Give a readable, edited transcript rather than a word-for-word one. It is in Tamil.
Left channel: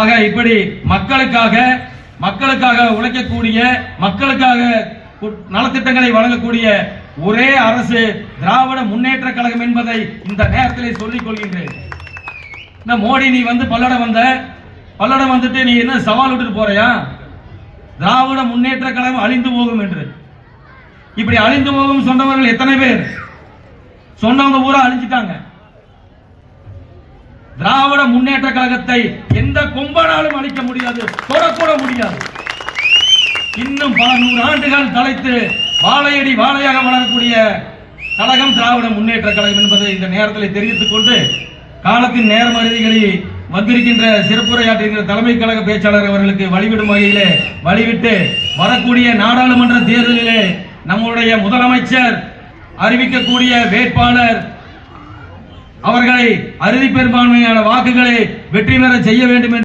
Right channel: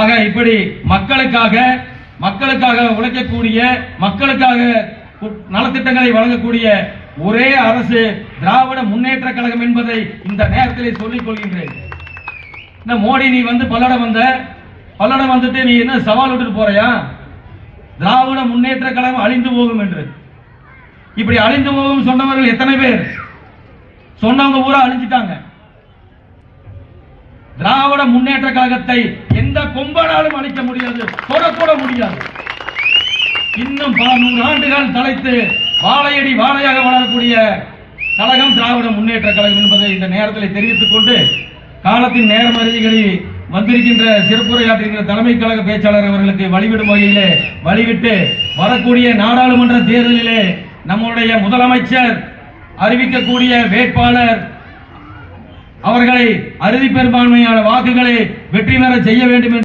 ஆக இப்படி மக்களுக்காக உழைக்கக்கூடிய, மக்களுக்காக நலத்திட்டங்களை வழங்கக்கூடிய ஒரே அரசு திராவிட முன்னேற்ற கழகம் என்பதை இந்த நேரத்தில் சொல்லிக் கொள்கின்றேன். இந்த மோடி நீ வந்து பல்லடம் வந்துட்டு நீ என்ன சவால் விட்டுட்டு போறியா? திராவிட முன்னேற்ற கழகம் அழிந்து போகும் என்று. இப்படி அழிந்து போகும் சொன்னவர்கள் எத்தனை பேர்? சொன்னவங்க பூரா அழிஞ்சிட்டாங்க. திராவிட முன்னேற்ற கழகத்தை எந்த கொம்பனாலும் அழிக்க முடியாது, தொடக்கூட முடியாது. இன்னும் பல 100 ஆண்டுகள் கழித்து வாழையடி வாழையாக வளரக்கூடிய கழகம் திராவிட முன்னேற்ற கழகம் என்பதை இந்த நேரத்தில் தெரிவித்துக் கொண்டு, காலத்தின் நேர்மறைகளை வந்திருக்கின்ற சிறப்புரையாற்றுகின்ற தலைமை கழக பேச்சாளர் அவர்களுக்கு வழிவிடும் வகையிலே வழிவிட்டு, வரக்கூடிய நாடாளுமன்ற தேர்தலிலே நம்முடைய முதலமைச்சர் அறிவிக்கக்கூடிய வேட்பாளர் அவர்களை அறுதி பெரும்பான்மையான வாக்குகளை வெற்றி பெற செய்ய வேண்டும்.